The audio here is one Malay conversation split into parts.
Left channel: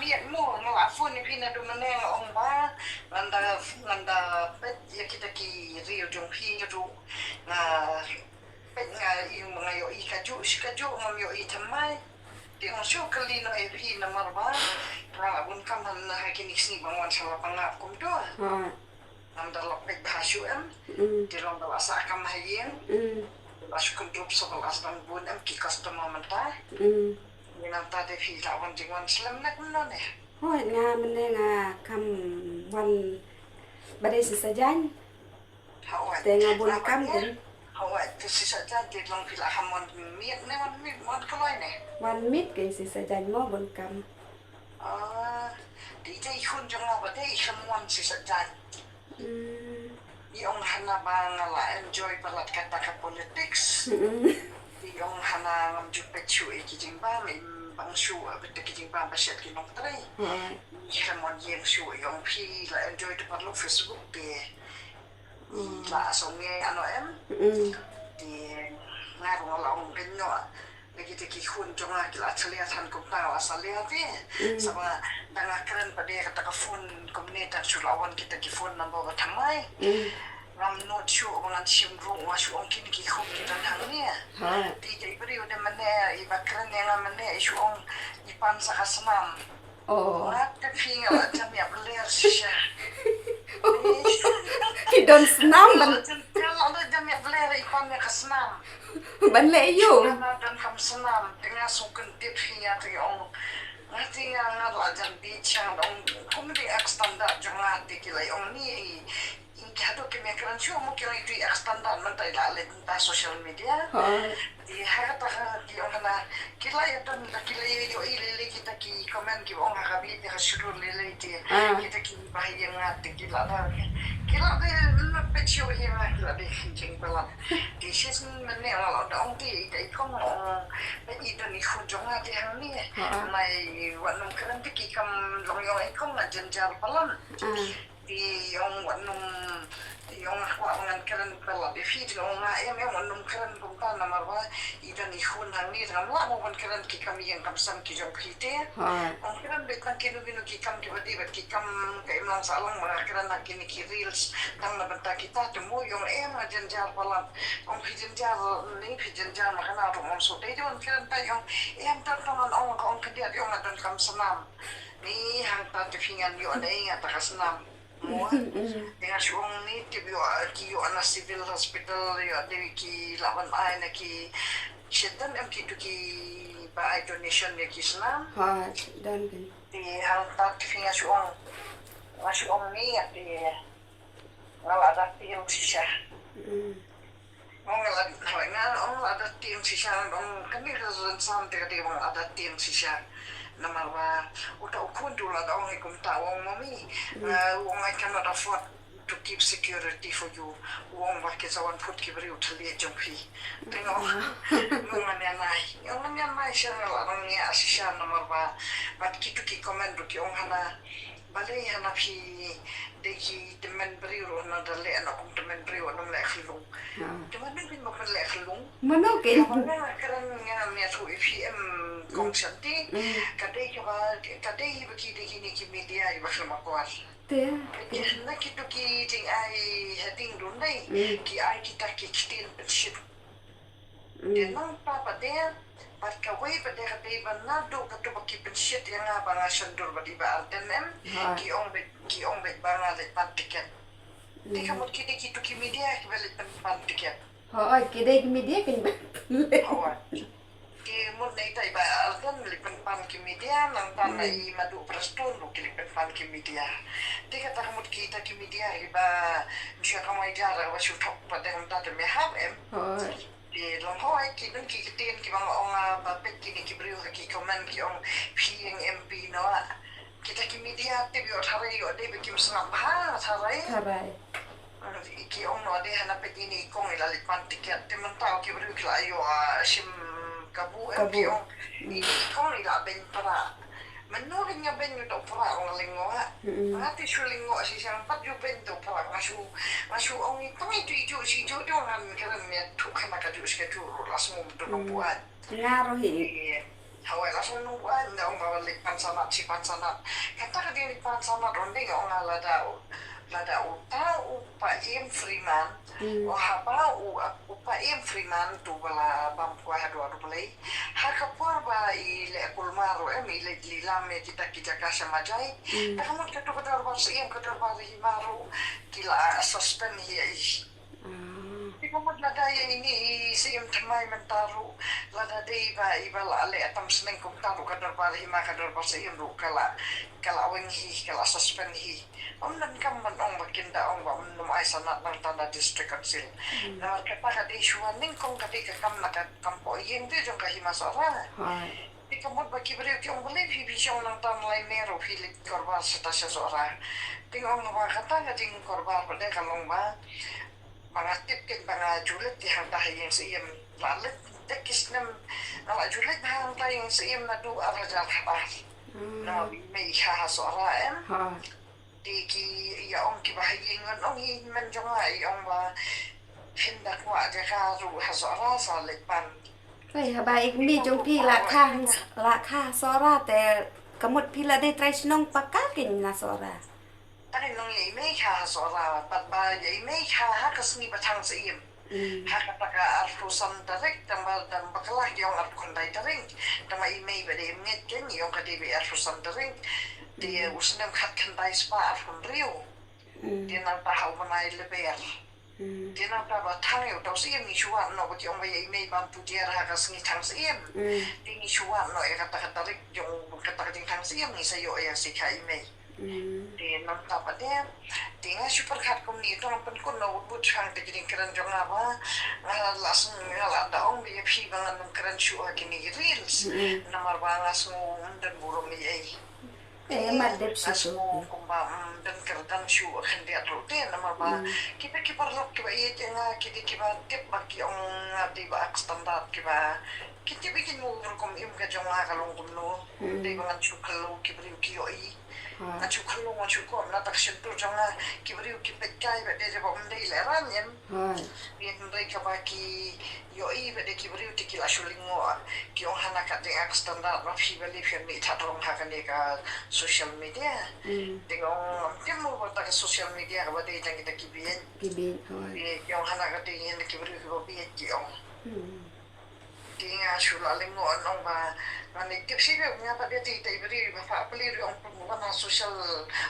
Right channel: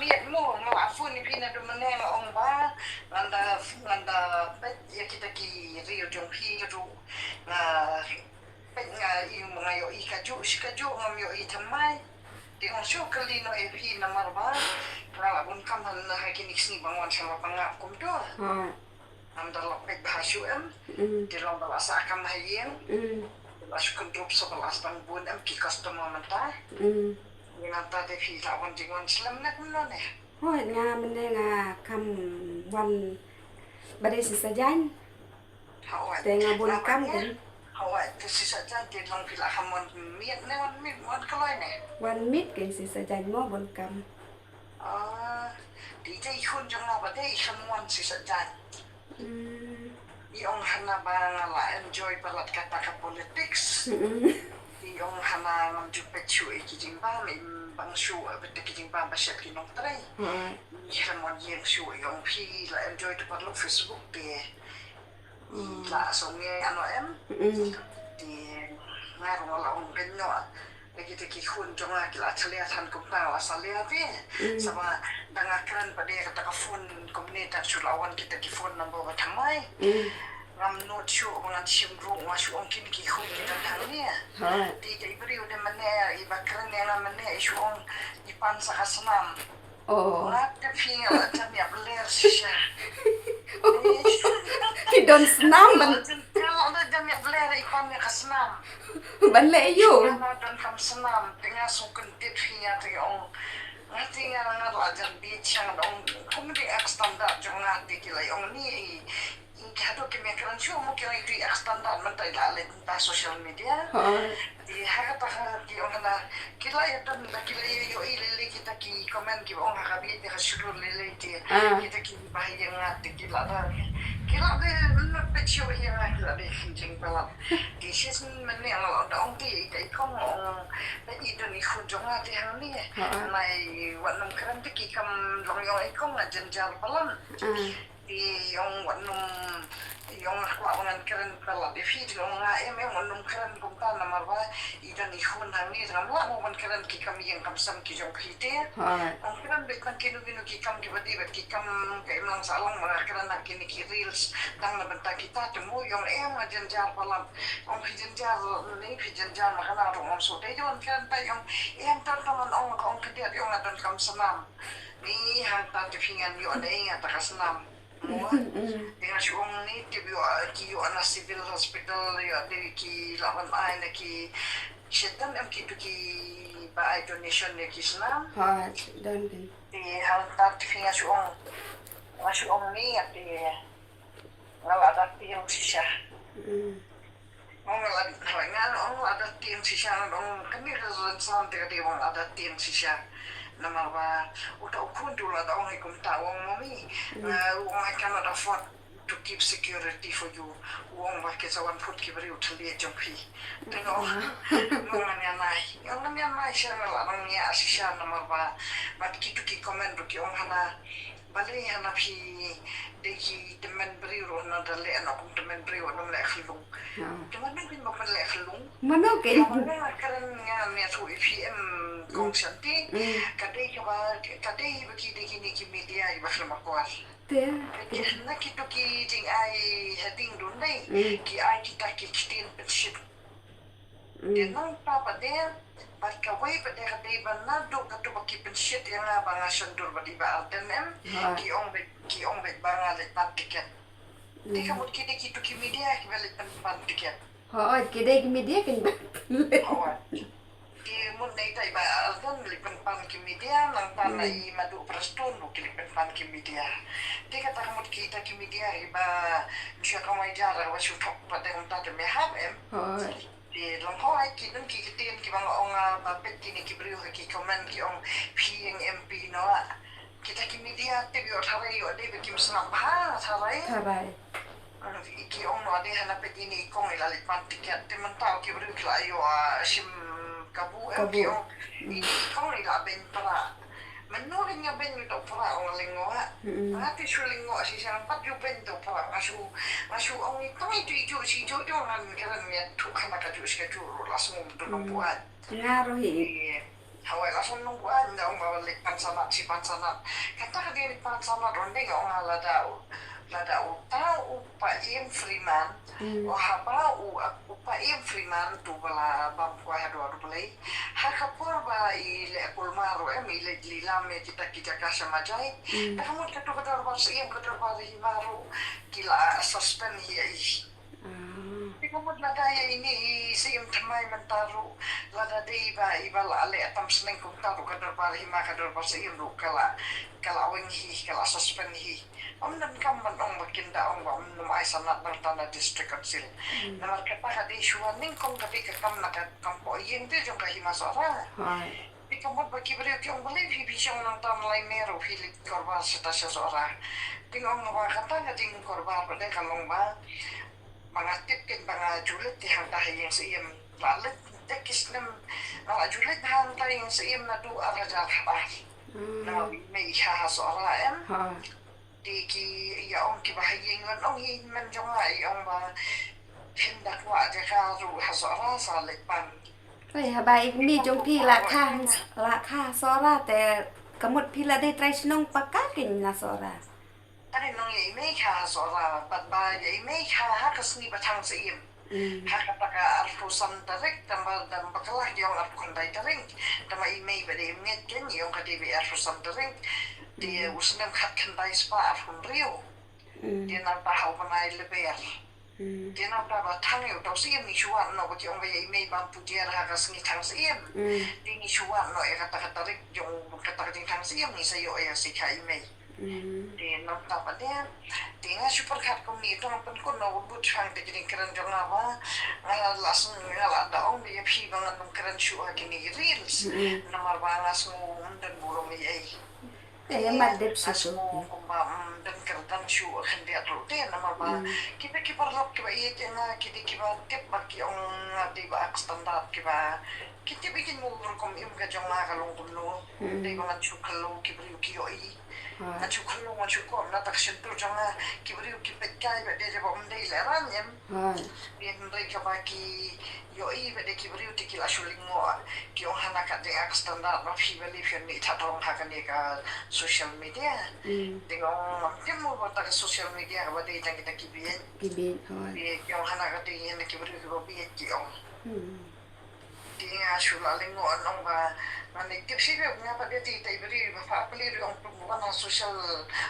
niat mo ngafun ni pina do meneng ong ba nganda pet ya kita ki rio jong hi ru na pet nga yung mga yo ikaju ngam yo itamay di ong syo kali no epi na marba pra bunkam han na hakinik sni bangwan sama pangap kum do am dalok pet bahasyu di long bala sa kam hayen as kondrop so bala as bun ki customer manta Yang tadi kita wan jingan selam nak mana ni? Hoi nga mene nga kam wan badai sisajan. Te nga bunkam kan. Hoi tu sisajan di long pila hamon miet ne wan kaloi ne. Wan mit kan sisajan mo bunkam. Di je ikun jangan badai ikun wan sisajan. Yung hana bangala enjoy palat kata ka politics. Yung hana ngam jupet chu kijing ba min bang shu betul kijing ba basyat kinong tray. Hamon yang shu yung pi la enjoy de parlo Facebook de. La asonge ano di ngaro la ong genyo. Begitu ki hun jonga kila chaliatan kumpang la salia de. Sama dangakran pada kata ka phone komunitas sulawan kita ki phone number batamai. Ram not sure orang sim ru masuk ongkin ki khum ki dan hang ni. Di jadi beri udah mana ibakran yang mana isu ong ipan sakasnam. Ngat tapi jam ya beler sisa. Hidon senam ban. Kalau ada jam ya beler ipan ya kasnam. Ban le yo. Dan kam senam tengah sukun tip hia tu ong. Nanti yang ngajar bicang ong komedi ekstandar jangan dikilai ong ni. Kado kemekaran show mungkin itu standar mentai dalam social media. Di harap di orang kila itu kila yo ilele kita ki komen ki orang kami dia suruh lele dia kita ki bahaya ngat kila dah kila be nak show yang kila be jeng pelan. Di sini mana kalau ada orang di ikon be itu ni kunjungan di hang ni. Mai wanam keren ki kam long yo ikon jenjar pelan. Di yung wanum yung ako ngan keren pala di feed yung yang wanum keren kumpa na marwa idan ihun hangi ramla mo wan keren ki kami yang kamsam ki jong krite ang keren bekan kinu ki kam ki badi bat ki kam kay mang salang mga keren na kini ki reels tang na banta kita temu yung janjar pala ang janjar makana ro so dai yon keren pa yung tantanan ang kadiat yung adan kamsamam ni hang ta tifingan yo dai atakas-nam dengan suong ni tiyo ana civil hospital ya dewi ki lawan ay na ki sedan ki ba ay donation ya ki senam Dan kan di hal tak finga suong ni ya di ngala tiang sisa ada tiang sisa kami rezon tega di ada tiang sisa nama wa uta ukun dulu ada orang ikum tawang mami orang akan ada afford to keep security for you orang pakai sawan food kiberi utali jompi tengok orang yang naik siapa orang yang asisya nama wa bat kitu ki komen tu ki orang hana balik hana pi deki teman beri orang ada le anak teman beri orang le khilung teman mungkin bukan le khilung mana ke kerana ni tu IPM kongsianti kadai bagi deki ni ki media iba khilma kuat nak kita ki jing ai heading dundai ki ai kita ki stin penship dia nang papa dia Pat kawai pada kadai bana do katu baki penship yang apa ngasendur badi ba altenem ki ong bet banga let pat tiket. Di kamu kita ki media ki belet pat tiket. Kidai ki media kan. Ki mun dai tai ba alten let pan ki media nang tanai madu prestun do ki pan ki media. Di kata kamu kita ki media iba bisa kamu jara wa tok pada ngata me have di lomhoi ki dun ki tin ki bang ong bapet kini ki brio ki komen ki ong ping MP no kita ki media te bio tharai yo de kim snap ha tharai ki ong no de hana pet ini kong ila lipan tiket te mentau ki brio ki la yo sim kabu ki ong ni kong ila ben para menurut nga ben yu tau para ong lingo ati su lingo si sang pat yu ben tau para ngasu ong kong itu si jo ngan keren ya tu kana ka tu ska tu langsung tu buat ngaruh Hawai langsung nungguan dong bawa lipan sanat si pan sanat. Kata ka di lipan sanat ronde nga nga lada uta upa im Freeman. O haba upa im Freeman tu bala bampu hadu balai. Hakapur ba ile kulmaro ile lilam kita kita kasih majai. Kamu katu kadar bar siam kadar bar himaru kila suspend hiya Kamu lada ini siam tamai mentaru lada dei iba lale atam seneng kum taru kadar bar hima kadar bar siam ru kala awing kala suspend hi. Omnan kam manong makinda ong ba numai sanat ng tanda district council. Na markata ka di shuaning kung kati ka kam nakampo iyeng di jong kahima sora. Di kamot ba kibriw ti ong balay hibisyon ng tamlay mero hilit korba sa tasya sora. Tingong nabakata nga ding korba ba de kalong ba mga tipkin mga julit ti hangtahay yung sa iyam lalit dekis nam mga julit na hangtahay yung sa iyam na do arajal habar. Na may ihahasora di ki yaong kibahagingan ong himan jong ay ong ba hindak wa de ka ru hasora sa lekpan. ไปหาบายอีกมีจงพี่ราคาซอราแต่กำหนดพี่ละได้ไตรชนงปากกากินนะซอรา Ano nung may ka hasora pat ba may ka hakas ni batang sa iyam. Hakataka artusan tarik tambal dan bakalah yung artukanday taring tama imay ba de nget ken yung kadibi artusan taring di usnam katkanday spa artun rio. Di nang tahaw manay leber. Di nang taba tangyo daw sa iyam ni shuan no but yung may imay bampu diar hakas ni tang sa iyam. Di ni shuan no katakatarik yung katakating tang sa iyam ni sayo ay si ka imay. Di nang tapa din. Di nga super kat kum ni ito ang pankun na wabut hang di kining karan jong nga ba nga lasang nga daong di yapi mga nung karan syuha kini reels na marbangas mo dan burong ni ay. madep sa Nas mo kumba dan kardan syuha kandi at rote na marba kita kiparlap kiba ite nga kiti kiba tip baki yung di ba standard kiba kita bikin mo kum im ka jong nga kalong kumno di ba nga syukalo kibriw kiyo ay. Machukulong machukom na taksyon to nga kibriw kipekay ba de ba umday leran yan. Yan ray ka ba ki yoi ba de kibriw ti kila shulingo ki ong hanaka de ak standard na fibali fian ni tatong hakani ka social media. Tingong timo ba ta social media ka ba de tang kita kibiyen. Ki ong hanaka de yan kibriw ko bi ki ong. Tinga shulalingo anong ba nanikip siya nga pa dito iberi mapapali yung wana social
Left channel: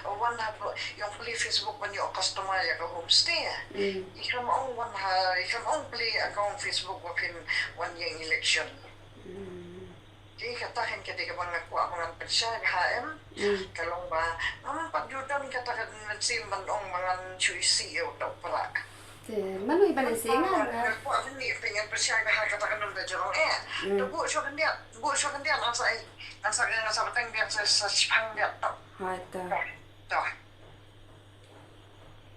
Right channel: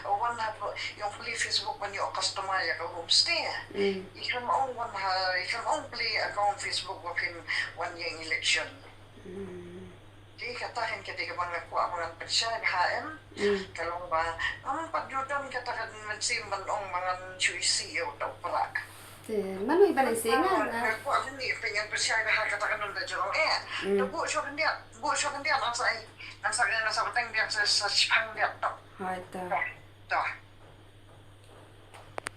wana yung pali Facebook man yung customer ya ka homestay ikan maong play account Facebook wapin one yung election di katahin kita ka bang nakuha mga pensya HM kalong ba naman pagyudan katakan mansimban ong mga chuisi o daw para Manoy ba singan na? Ko ako ni pengen persya na katakan nung dajong Tubo siya kandiyan ang sa batang diyan sa sipang diyan to. Hata. To.